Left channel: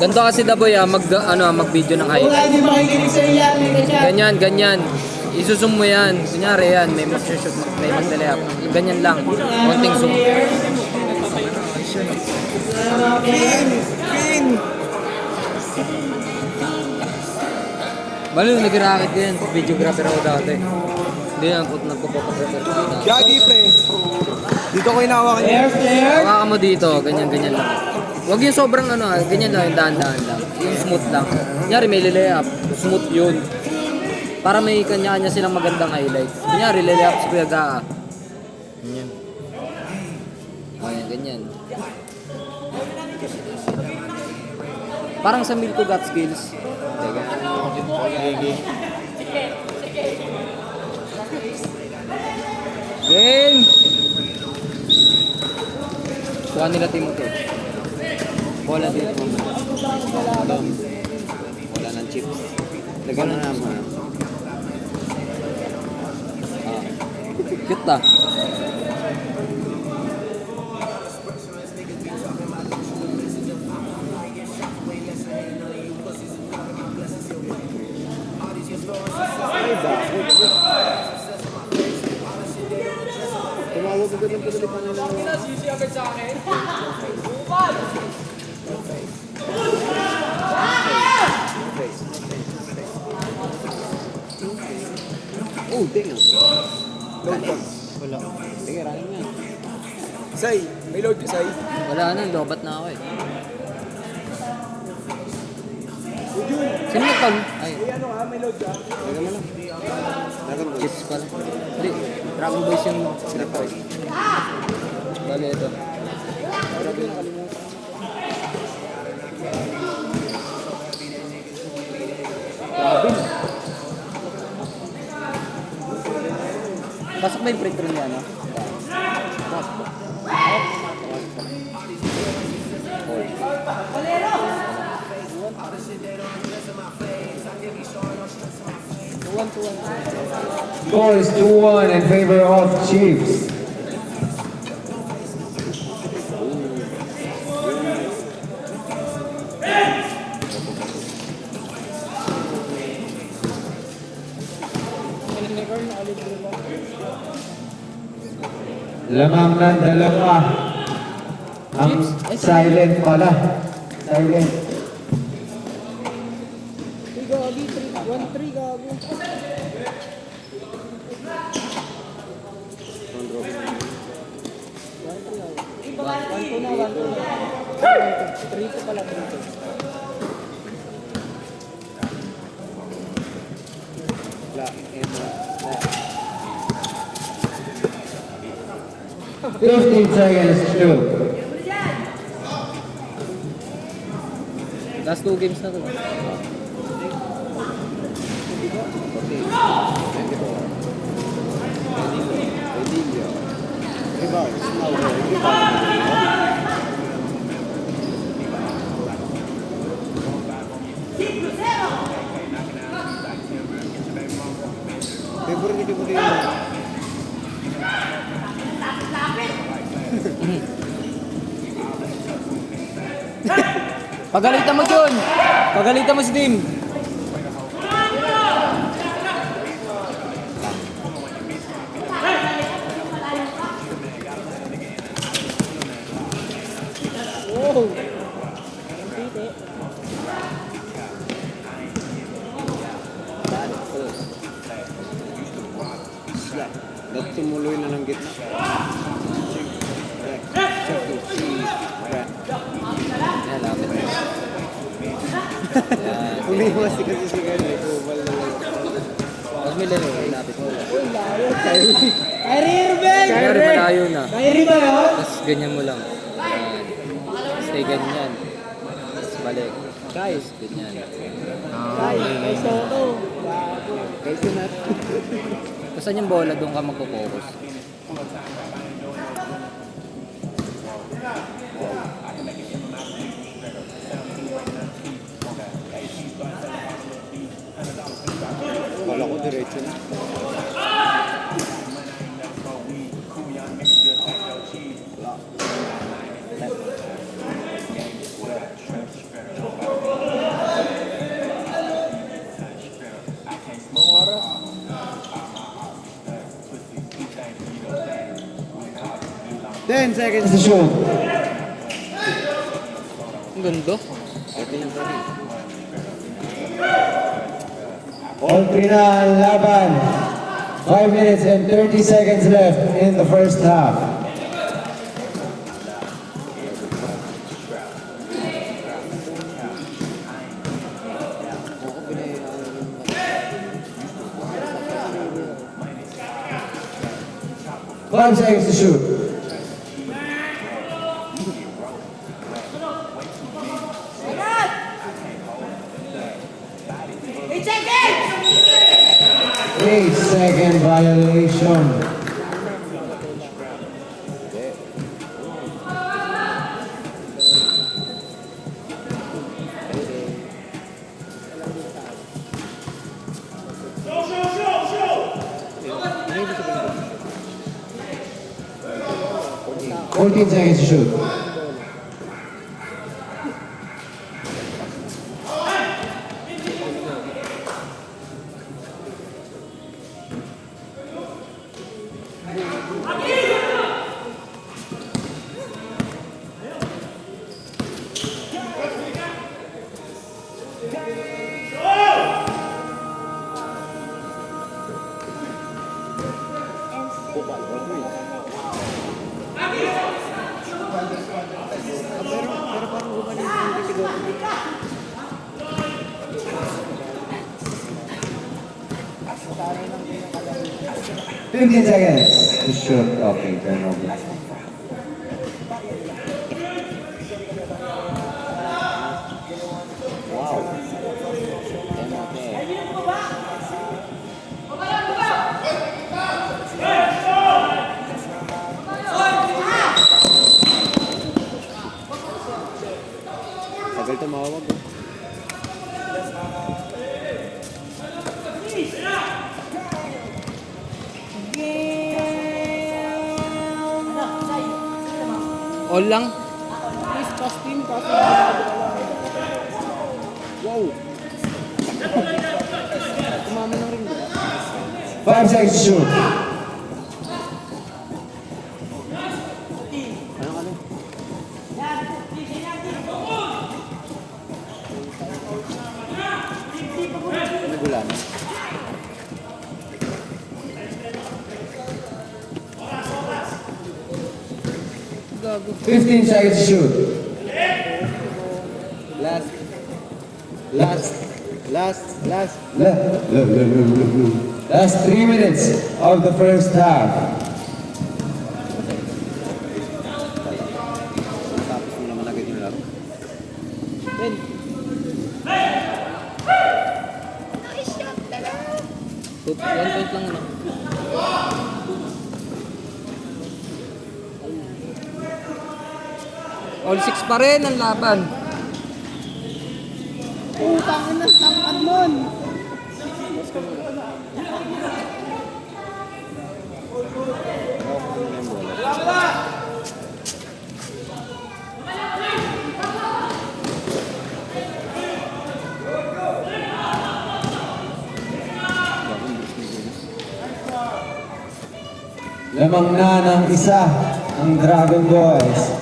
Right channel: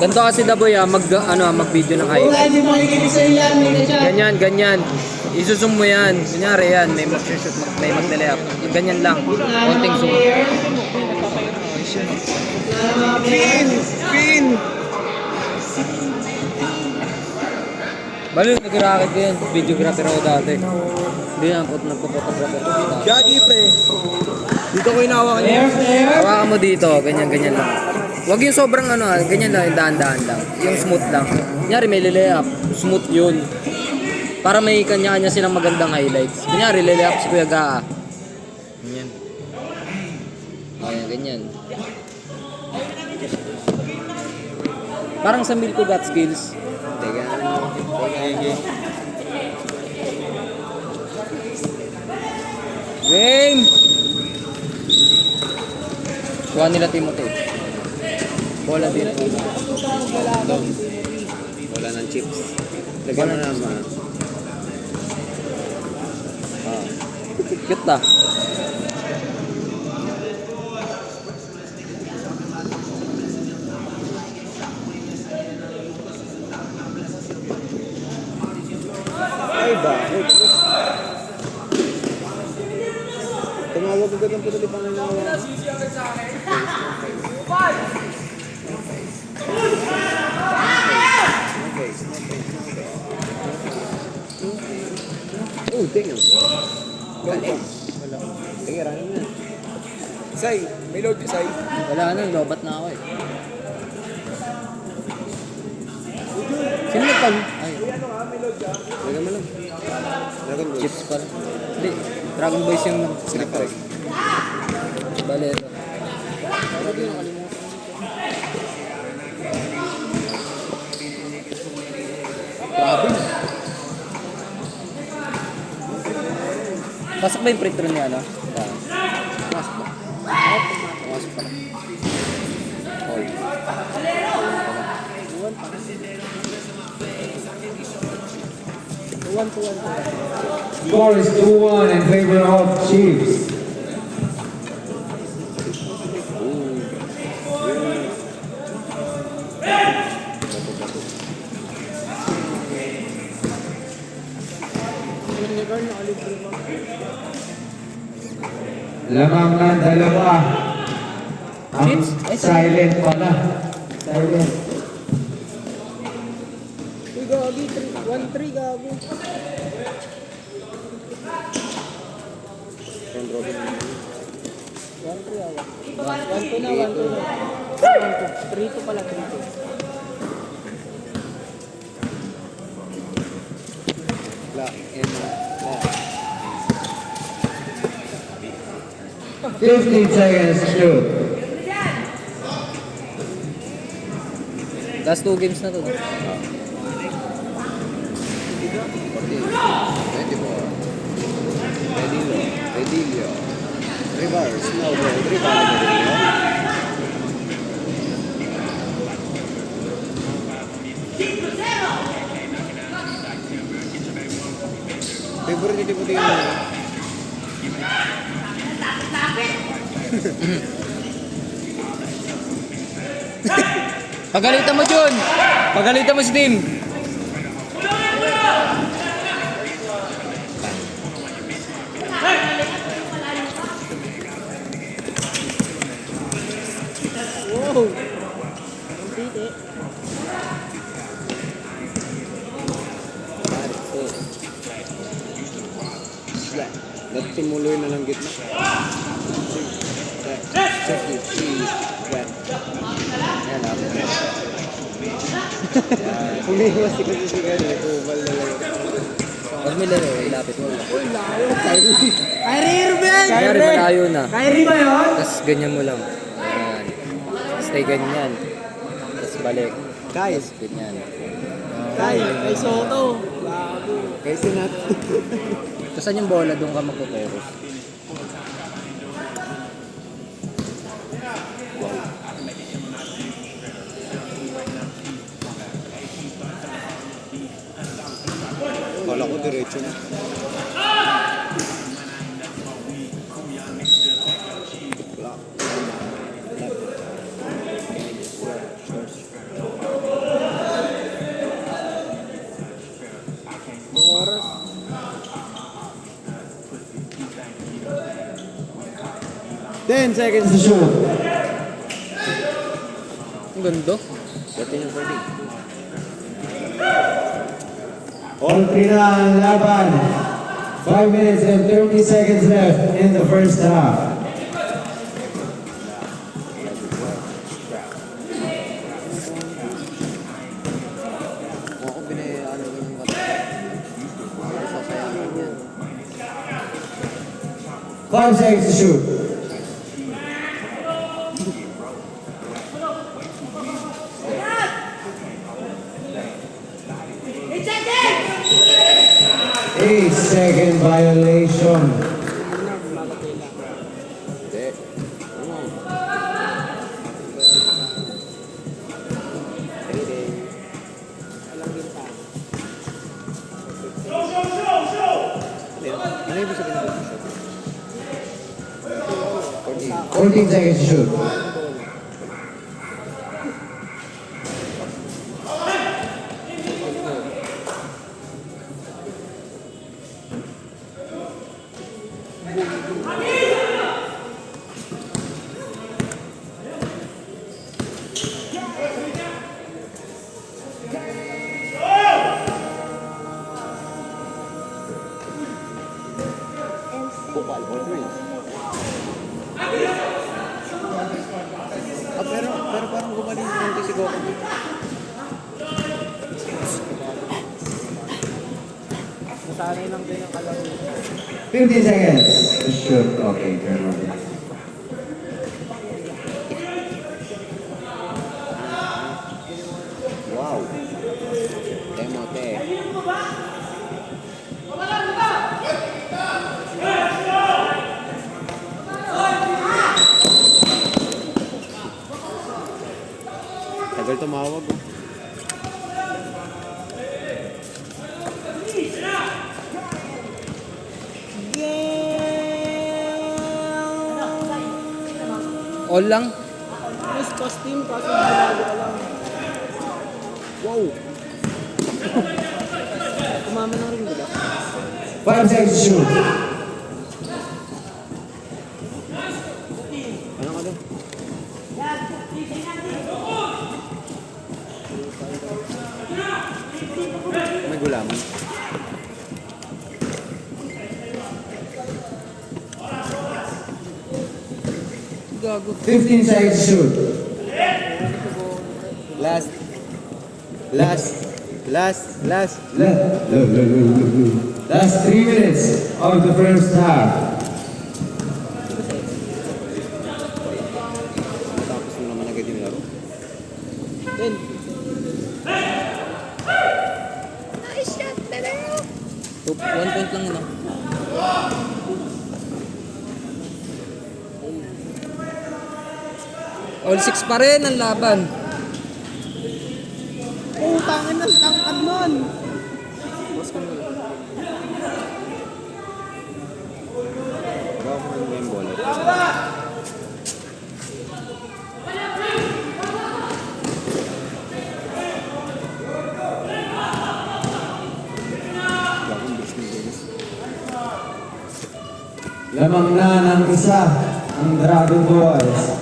Ganito kasi Daboy mag-video ng height. Ganyan. Isusum mo yan. Kunyari yan, may mag-shoot, may mag-delay up. Ganyan lang. Konting zoom. Balo, nag-racket yan. Videographer ako dati. Hindi na, nagpo-photographer ko dito. Gagi, pre. Dito ko inawakan niya. Hawakan mo dito, ganyan lang. Huwag yung sobrang ganyan lang, yung dahan-dahan lang. Yung smooth lang. Kunyari may lay-up, smooth yun. Para may kanya-kanya silang magandang highlights. Kunyari, lay-up si Kuya Gaa. Ganyan. Ganyan. Parang sa Milko Got Skills. Teka. Game! Kuha nila Timothy. Bola dito. Wala ng chips. Lagyan na naman. Cute ta. Ay, bakit? Tumawag ko ganun pero di pa nangyayari. Oh, damn. Wala. Sige, ranin na. Say, may load ka, Say. Wala na, lobat na ako eh. Sino nagpag? Ay. Lagyan mo lang. Dragon Ball. Chips pala. Hindi, Dragon Boys yung snap out. Bale ito. Grabe. Pasok ba yung print room mo, ano? Score is 2-1 in favor of Chiefs. Lamang ng dalawa. Ang silent pala. Silent. Gagi, 1-3 gago. Round robin. 1-3 ako. 1-2 na, 1-2 na. 3-2 pala, 3-2. Black and 15 seconds to. Last 2 games na to. 94. Redillo. Reverse. Now go. Favorite ko din. Pagalitan mo, John! Pagalitan mo si Tim! Wow! Ang titi. Ba't tumuloy na ng gitna? Check it. Ayan, lapit. Yan. Umiwas kasi si Gani. Kubal na lang. Pag may laro, ilapit mo. Kyrie Irving! Kaya rin malayo na. Kyrie ba yun? Tapos ganyan mo lang. Ayan. Stay ganyan. Tapos balik. Guys. Tapos ganyan. Ay, Soto. Guys, sinat. Tapos saan yung bola, doon ka magpo-focus. Kala ko diretso na. Wala. 10 seconds to shoot. Ang ganda. All three na ang laban. 5 minutes and 30 seconds left in the first half. Five seconds to shoot. Eight-second violation. Fourteen seconds to shoot. Pero parang gumaling yung tisigaw. 15 seconds to shoot. Okay, turn over. Wow. Okay. Tagal tumawag. All lang. Miss costume kasi ginagawa ka lang. Wow. Tumama na rin, diba? 5 seconds to shoot. Ano ka doon? May gulaman. Gago. 15 seconds to shoot. Last. That's 3 minutes of the first half. Tapos mo naman agad yung laro. 10. One point lang ano. All 6 pa rin ang laban. Utangin ng tangkad nun! Pero ako yung bola. Bagong burst ng bilis. Lamang na ng isa ang Dragon Boys.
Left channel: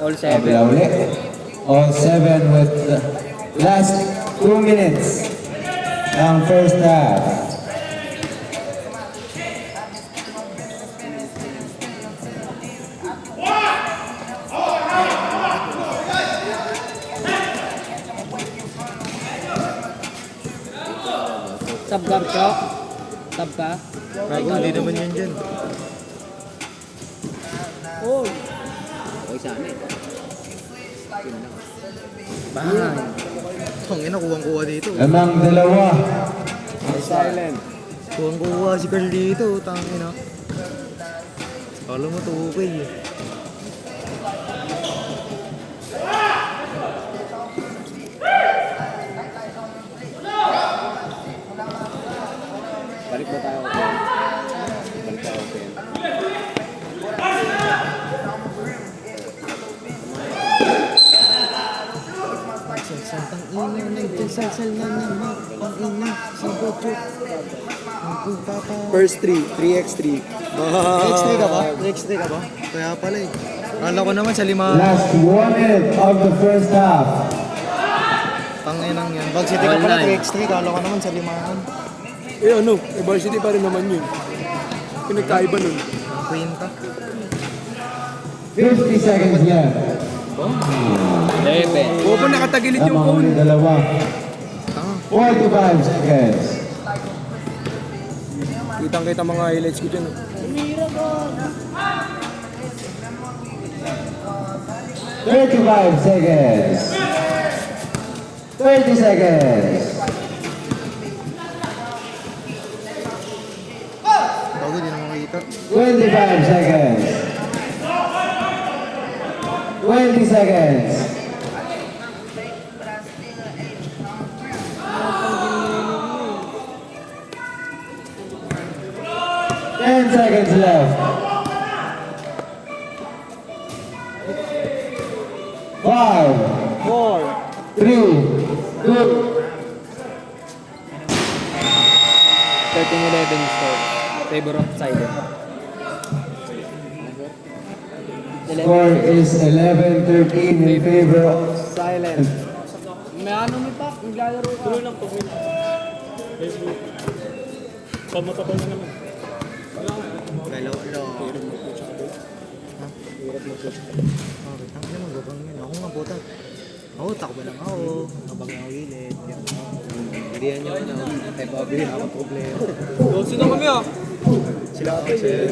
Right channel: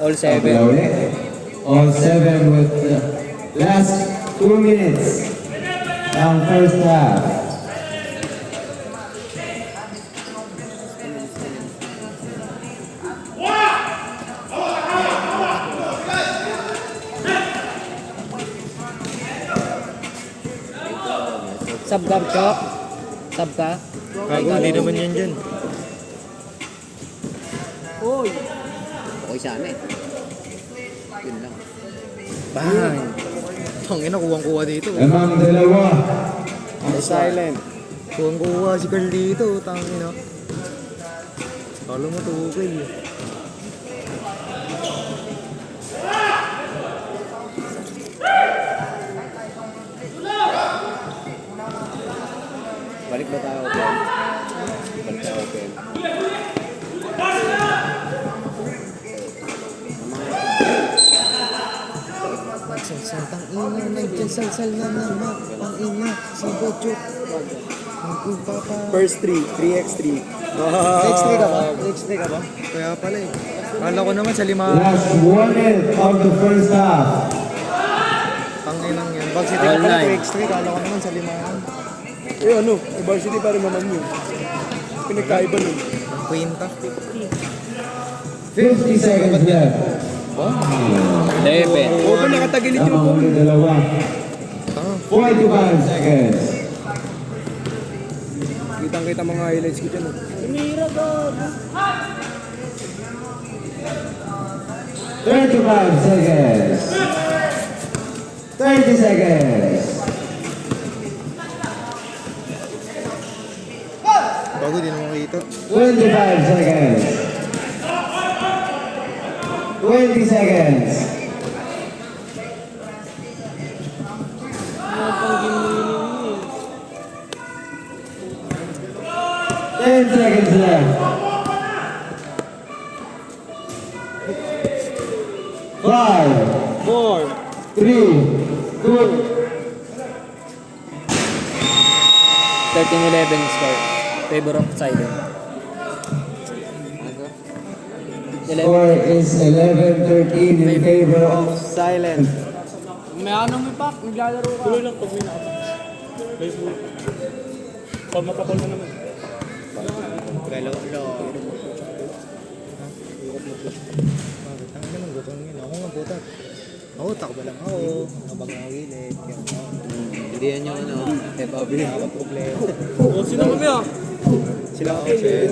All Sabi 7. ulit. All 7 with the last 2 minutes ng first half. Sub ka, Chok? Sub ka? Bago, hindi naman yan dyan. Uy! Okay sana eh. Yun lang. Bang! Tangina, kuwang-kuwa dito. Lamang dalawa. Silent. Kuwang-kuwa si Carl dito, tangina. Kala mo tugay eh. Balik ba tayo, Ken? Balik tayo, Ken. Santang ina, nagkasal na naman. Ang ina, si Bochok. Nagpapa... First 3x3. 3x3 ka ba? 3x3 ka ba? Kaya pala eh. Kala ko naman sa 5. Last 1 minute of the first half. Tanginang yun. Pag City ka All pala night. 3x3, kala ko naman sa 5. Eh ano, varsity pa rin naman yun. Pinagkaiba nun. Ang queen ka. 50 seconds left. Debe. Oo pa nakatagilid yung Lamang phone. ng dalawa. Tanga. 45 seconds. Kitang-kita mga highlights ko dyan. Tumira ka. 35 seconds. 30 seconds. Bago, di na makikita. 25 seconds. 20 seconds. Ten seconds left. 5, 4. 3, 2, 13-11 start. Favor of silent. 11. score is 11-13 in favor of silent. May ano mo pa? Naglalaro. Gulo lang pag may nakapa. Pamatapal mo naman. Galo, lo. Tangin naman, gupang yun. Ako nga butat. Ako, takbo lang ako. Habang nawilit. Hindi yan yung ano. Eh, babi, problema. Sino kami ah? Sila ako, sila.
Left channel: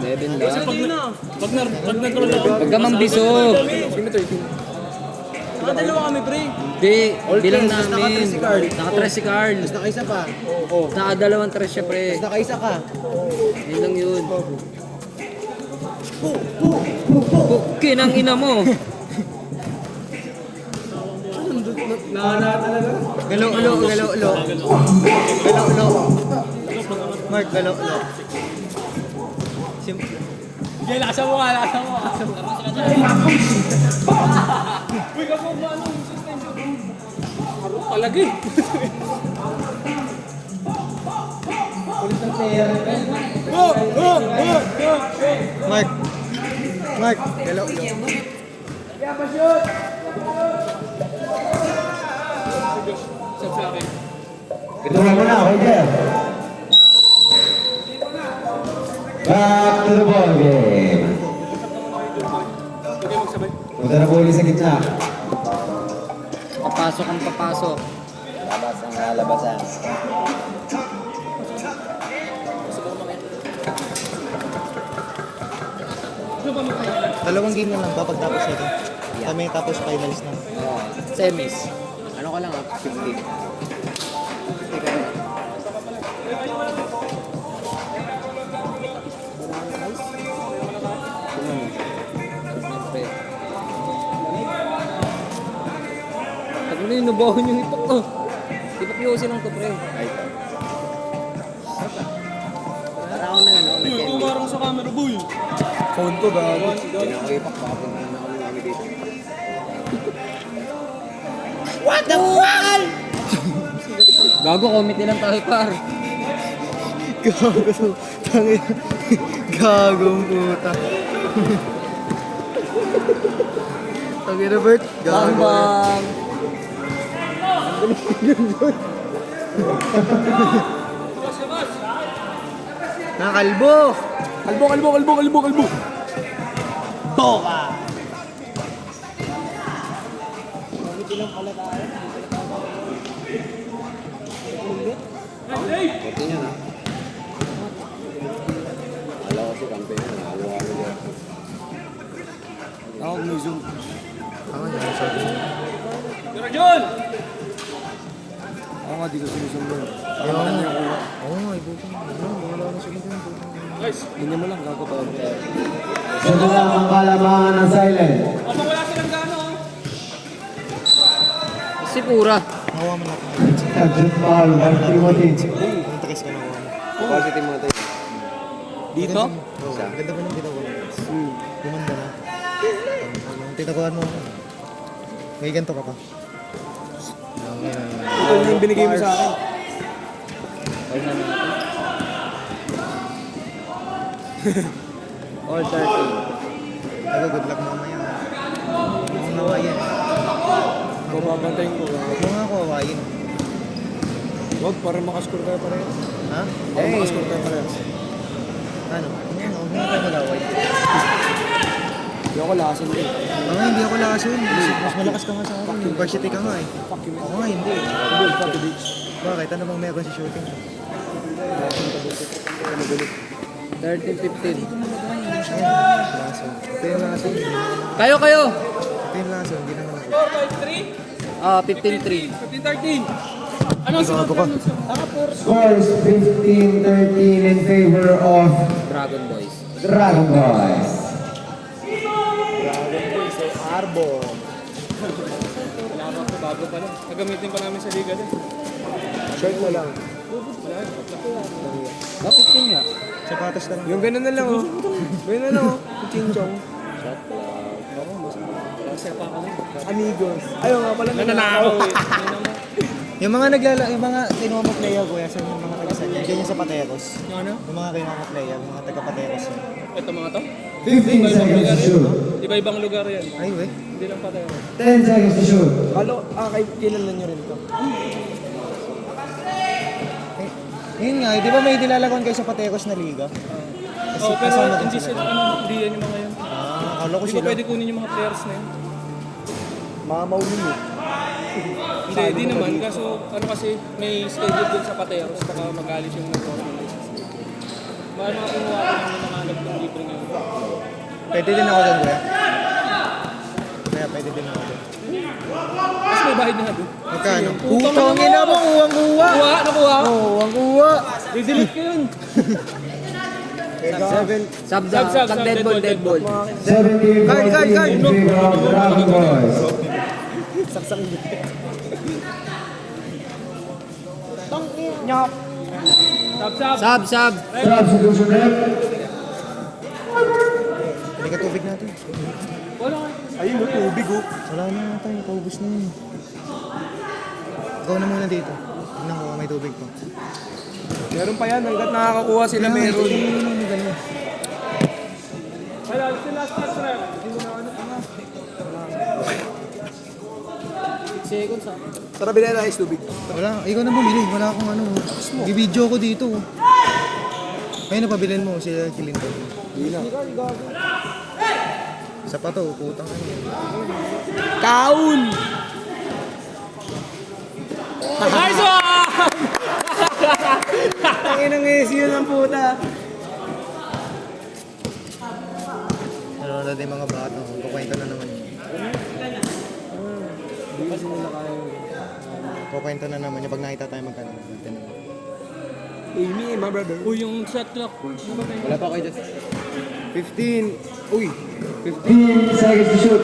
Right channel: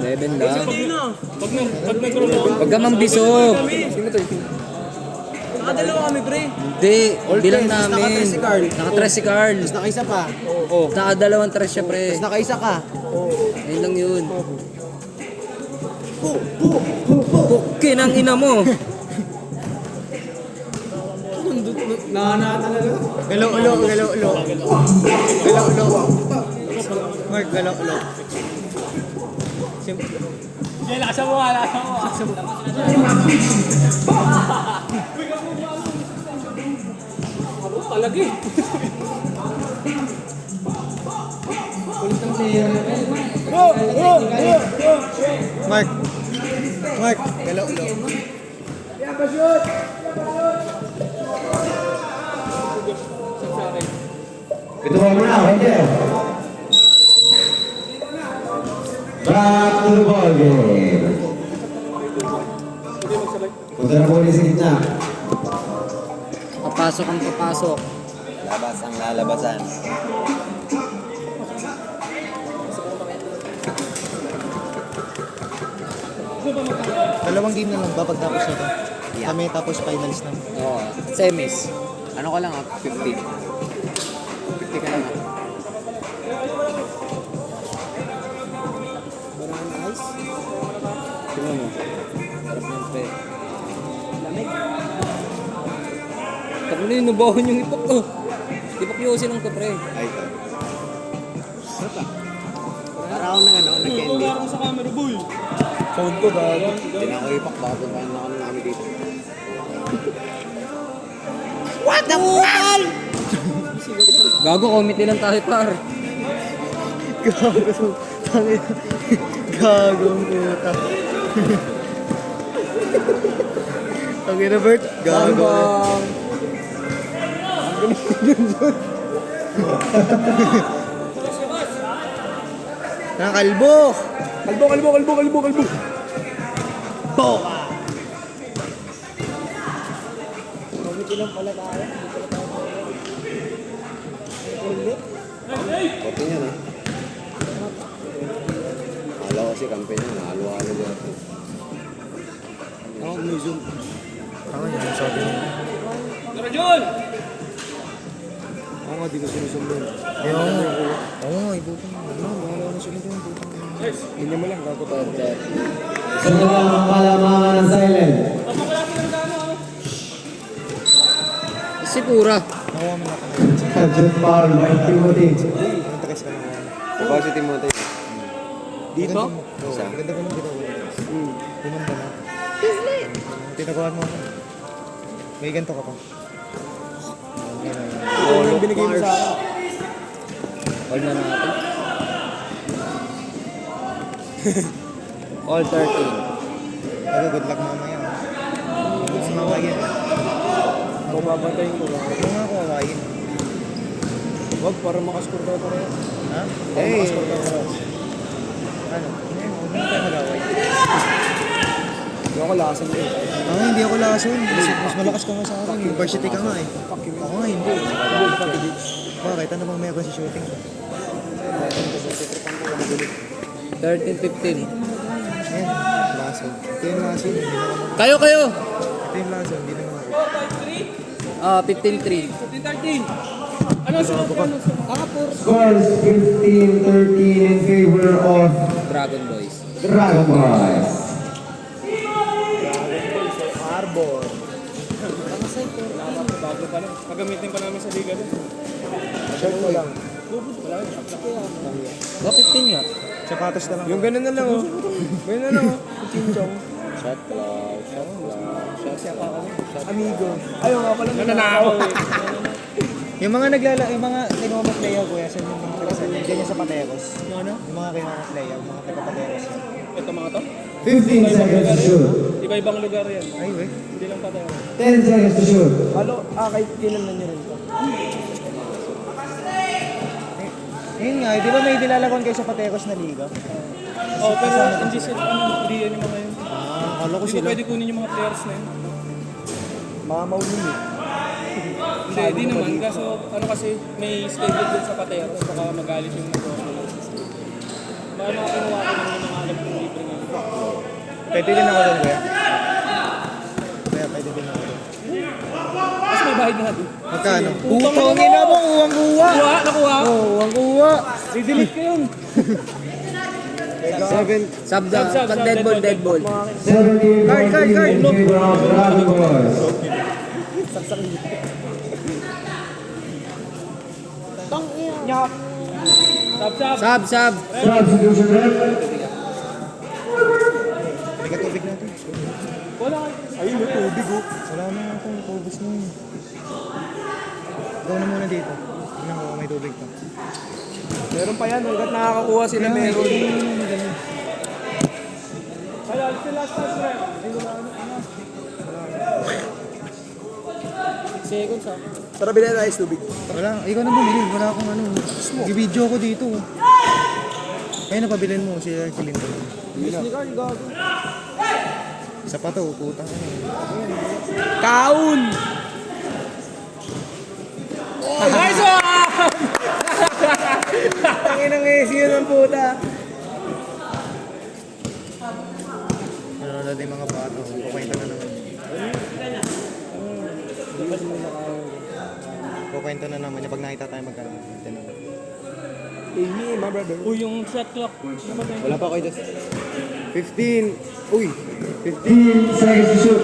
11 lang. Hindi na. Pag nag-roll ako. Huwag ka mambisog. Nakadalawa kami pre. Hindi. Bilang namin. Nakatres si Carl. Nakaisa pa. Nakadalawang tres siya, pre. Nakaisa ka. Yun lang yun. Kinang ina mo. Galo, ulo. Galo, ulo. Mark, galo, ulo. Hindi, lakasan mo nga. Palagi. Mark, galo, ulo. Ito na muna, right there. Back to the ball game. Punta na po ulit sa gitna. Papasok ang papasok. Labas ang lalabasan. Dalawang game na lang ba pagtapos nito? Kami tapos finals na. Oo. Semis. Ano ka lang 50. 50 ka lang. Tingnan mo. Sarap niyan, pre. Sabi na yun, nabahon yung ipok ko. Ipok yosi lang to, pre. Ay, ito. Para ako na ano, nag-candy. Sa camera boy. Phone ko ba? Pinakaipak ba? Puntahan na kami namin dito. Gago, committee lang tayo, par. Gagong puta. Tangin na Bert. Bang! Kalbo. Kalbo. Korte niya na. Akala ko si kampe niya. Halo-halo niya. Ako, may zoom. Tama niya. Sabi niya. John! Ako nga, di ko sinusun doon. Oo nga, ibutin mo. Wala na sila doon. Hindi mo lang, gago pa. Ito na ang kalamangan ng silent. Si Pura. Nakuha mo na. Captain foul by Timothy. Ang takas ka na. Bawal si Timothy. Dito? Oo. Ganda ba nung ginawa mo? Gumanda na. Tinakuha mo ako. May ganito ka pa. Triple yung binigay mo sa akin. Huwag na natin. All 13. Ako, good luck mamaya. Mukhang hawayin. Kung mabantayin ko. Mukhang ako hawayin. Wag, para makascore tayo pareho. Ha? Eh, ano? Hindi ka mag-away. Hindi ako lasan din. Hindi ako lason. Mas malakas ka nga sa akin. Varsity ka nga eh. Ako nga hindi. Bakit? Ano bang meron sa shooting? 13-15. Ay, lason. Ito yung lason. Hindi naman ako. Kayo! Ito yung lason. Hindi naman ako. 15-3. 15-13. Ano sa Bago ka. Scores 15-13 in favor of Dragon Boys. Dragon Boys. Arbor. Wala pa, bago pa lang. Nagamitin pa namin sa liga din. Shirt mo lang. 15 nga. Sapatos na lang. Yung ganun na lang oh. Ganun na lang oh. Kinchong. Shot Amigos. Ayaw nga pala. Nananakaw eh. Yung mga yung mga kinamaklaya ko, sa mga klasa niya, ganyan sa Pateros. Yung ano? Yung mga kinamaklaya, mga taga-Pateros. Ito mga to? 15 seconds to shoot. Iba-ibang lugar yan. Ay, wait. Hindi lang patay. 10 seconds to shoot. Halo, kay kailan nyo rin to? Yun nga, di ba may dilalagon kayo sa Pateros na liga? Oh, pero hindi sila, hindi yan yung mga yun. Akala ko Hindi sila. pwede kunin yung mga players na yun. Mamaw yun eh. Hindi naman, kaso ano kasi may schedule din sa Pateros, baka magalit yung nag-organize. Maano ako nga ako ng nangalap ng libre ngayon. Pwede din ako doon, kuya. Kaya pwede din ako doon. Mas may bahid na natin. Magkano? Putongin na mo, uwang-uwa! Nakuha! Nakuha! Oo, uwang-uwa! I-delete ko yun! 7. Sub da. Pag dead ball. 17-14 in favor of Dragon Boys. Sab! Sub. Substitution rep. Hindi ka tubig natin. Wala! Ayun, may tubig oh! Wala na naman ito, yung paubos na yun. Ikaw na muna dito. Tingnan ko kung may tubig to. Meron pa yan, hanggat nakakakuha sila meron. Kaya, sila start sila. Seconds ah. Tara, bilhin na ice tubig. Wala, ikaw na bumili. Wala akong ano. Bibidyo ko dito. Kaya na pabilin mo si Linton. Isa pa to, putang ano. Taon! Nice one! Tangin ng AC yun ang puta. Ano na din mga bata. Kukwento na naman. Kukwento na naman yung pag nakita tayo magkaroon. Amy, my brother. Uy, yung shot clock. Wala pa kayo. 15. Uy! 15 seconds to shoot.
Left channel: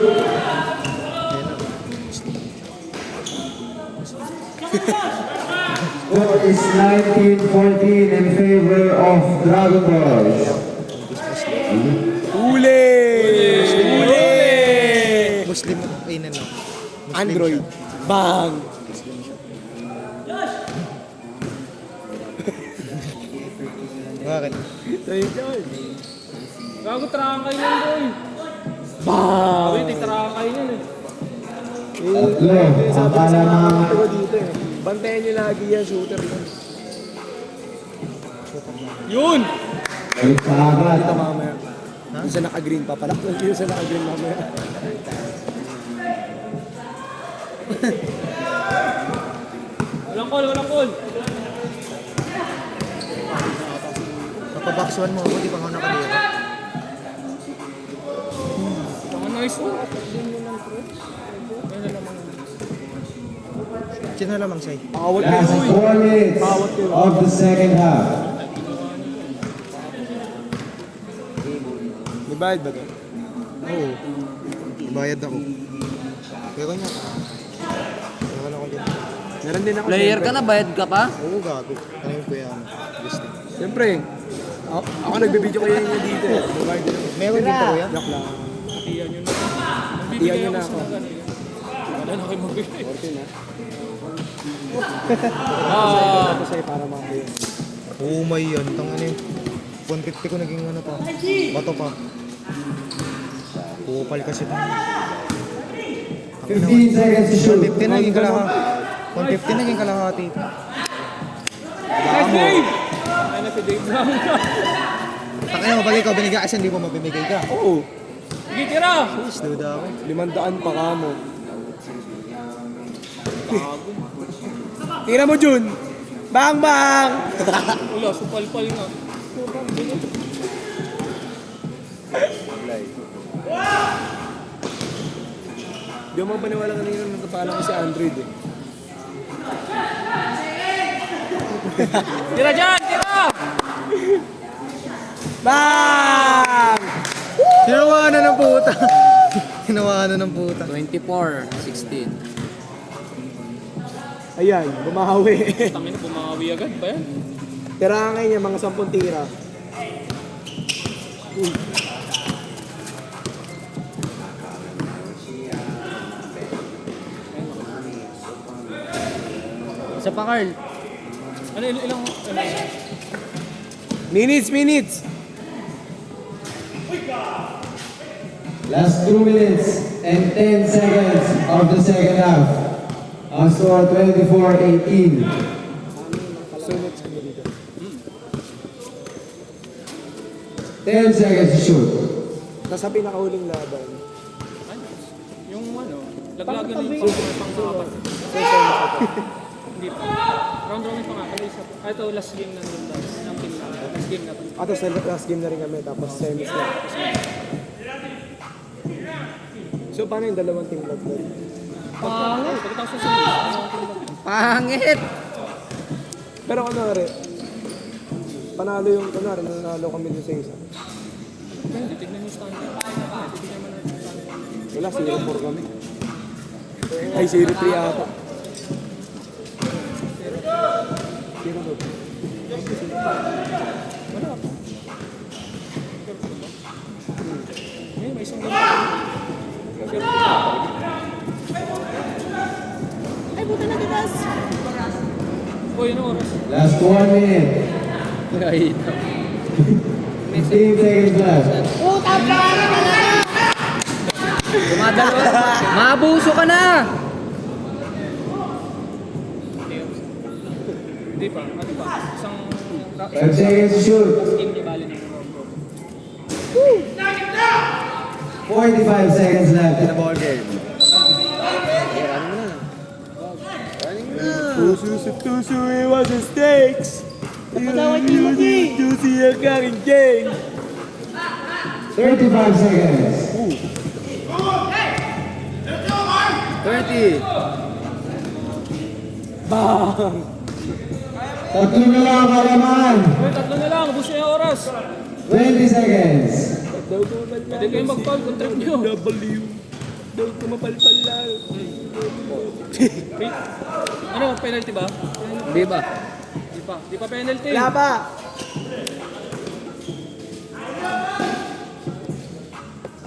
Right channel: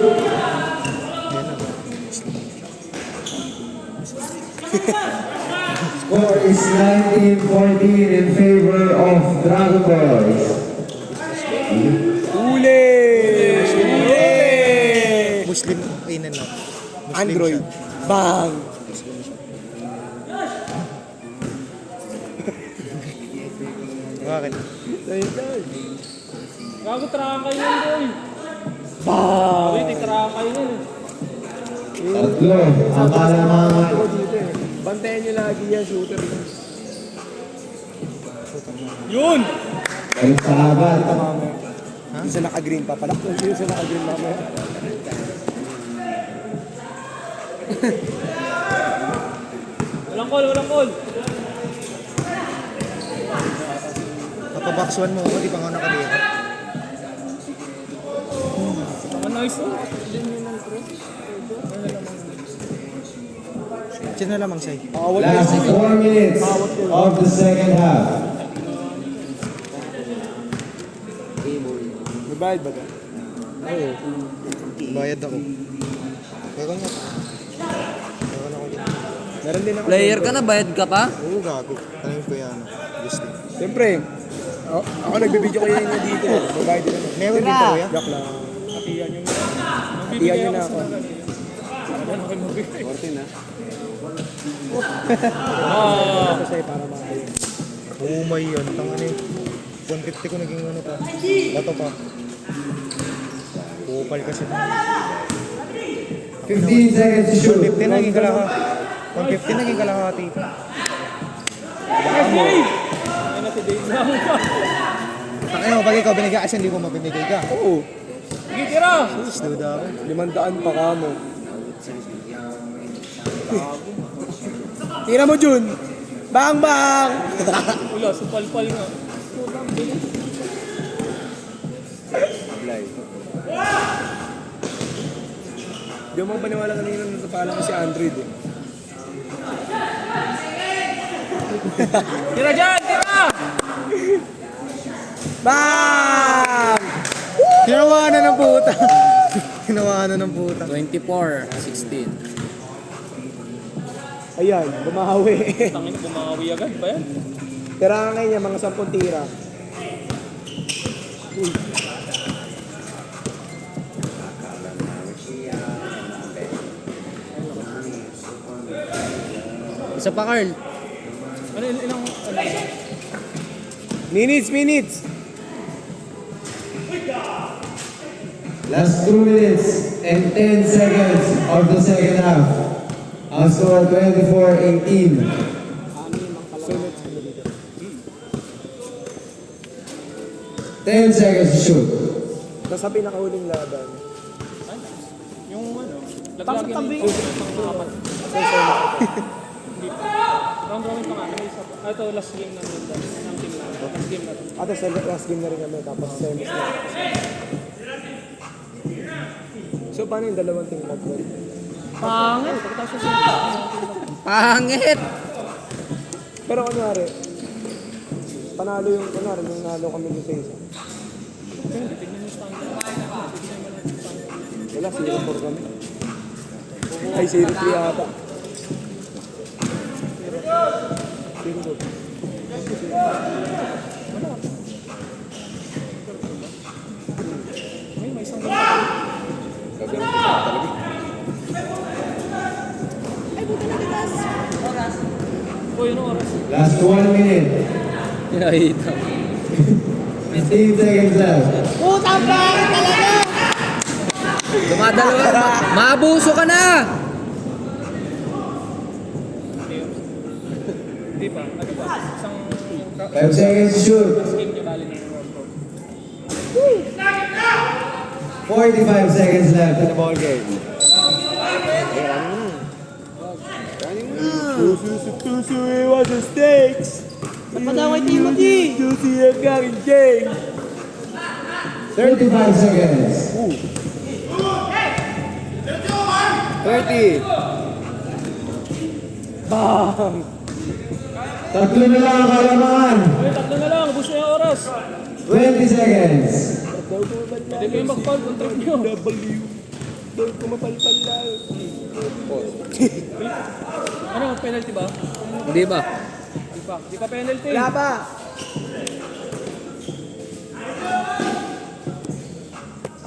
Ayan na. Score is 19-14 in favor of Dragon Boys. Uli! Muslim. Ay, na lang. Muslim Android. shot. Bang! Muslim shot. Bakit? Gago, tarang kayo nun, boy. Bang! Uy, titarang kayo nun eh. Tatlo. Ang kalamangan. Bantayan nyo lagi yan, shooter yun. Yun! Ulit sa agad. Ha? Isa naka-green pa pala. Isa naka-green mamaya. Walang call. Kapabox 1 mo ako, di pa ako nakadito. Ang nice one. Sino na lamang say? Last 4 minutes of the second half. May bayad ba ito? Oo. Bayad ako. Kaya ko nga. Kaya ko dito. Meron din ako. Player ka na, bayad ka pa? Oo, gago. Tanongin ko yan. Gusto. Siyempre. Ako nagbibideo kayo niya dito. Babayad din ako. Meron din to, kuya? Joke lang. Hatiyan nyo na ako. Wala na kayo mabibig. Ah, Kasi para makakain. Umay yan. Pang ano yun. 150 ko naging ano pa. Bato pa. Kupal kasi pa. 15 seconds to shoot. 150 naging kalahati. 150 naging kalahati. nice game! Ano si Dave lang? Takaya mo, pag ikaw binigay kasi hindi mo mapimigay ka. Oo. Sige, tira! Sus, duda ako. 500 pa ka mo. Tira mo, Jun! Bang, bang! Wala, supal-pal nga. Di mo paniwala kanina na natapala ko si Android eh. Tira dyan! Tira! Bang! Tinawaan na ng puta. Tinawaan na ng puta. 24-16. Ayan, bumahawi. Tangin na bumawi agad ba yan? Tirangay niya, mga 10 tira. Isa pa, Carl. Ano, ilang, ano? Minutes! Last 2 minutes and 10 seconds of the second half. Ang score 24-18. Sunod sa kanila dito. 10 seconds to shoot. Tapos sa pinakahuling laban. Yung ano, laglagyan ng pang-apat. Hindi pa. Round robin pa nga, ano isa pa. Ito, last game na nila. Ang team lang. Last game na. At sa last game na rin kami, tapos semis na. So, paano yung dalawang team blood? Pangit! Pagkatapos sa Pangit! Pero kunwari, panalo yung, kunwari, nanalo kami doon sa isa. Hindi, tignan mo stand. Wala, 0-4 kami. Ay, 0-3 ata. 0-4. Ngayon, may isang ganda. Uy, ano oras? Last 1 minute. Nakita. 15 seconds left. Kumadal ka. Maabuso ka na! Hindi pa. Ano ba? Isang 5 seconds to shoot. game ni Bali ng round robin. 45 seconds left. Na ball game. Tusu, it was a stakes. Tusu, you're coming gang. 35 seconds. 30. Tatlo na lang ang kalaman. Uy, tatlo na lang. Ubus na yung oras. 20 seconds. Pwede kayo mag-foul. Contract nyo. Daw ko mapalpal lang. Ano, penalty ba? Hindi ba? Di pa. Di pa penalty. Yaba!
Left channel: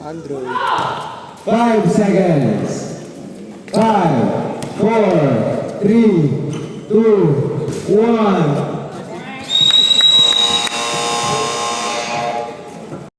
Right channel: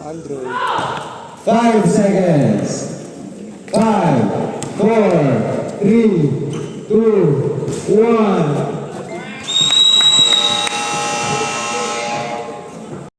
Android. 5 seconds. 5, 4, 3, 2, 1.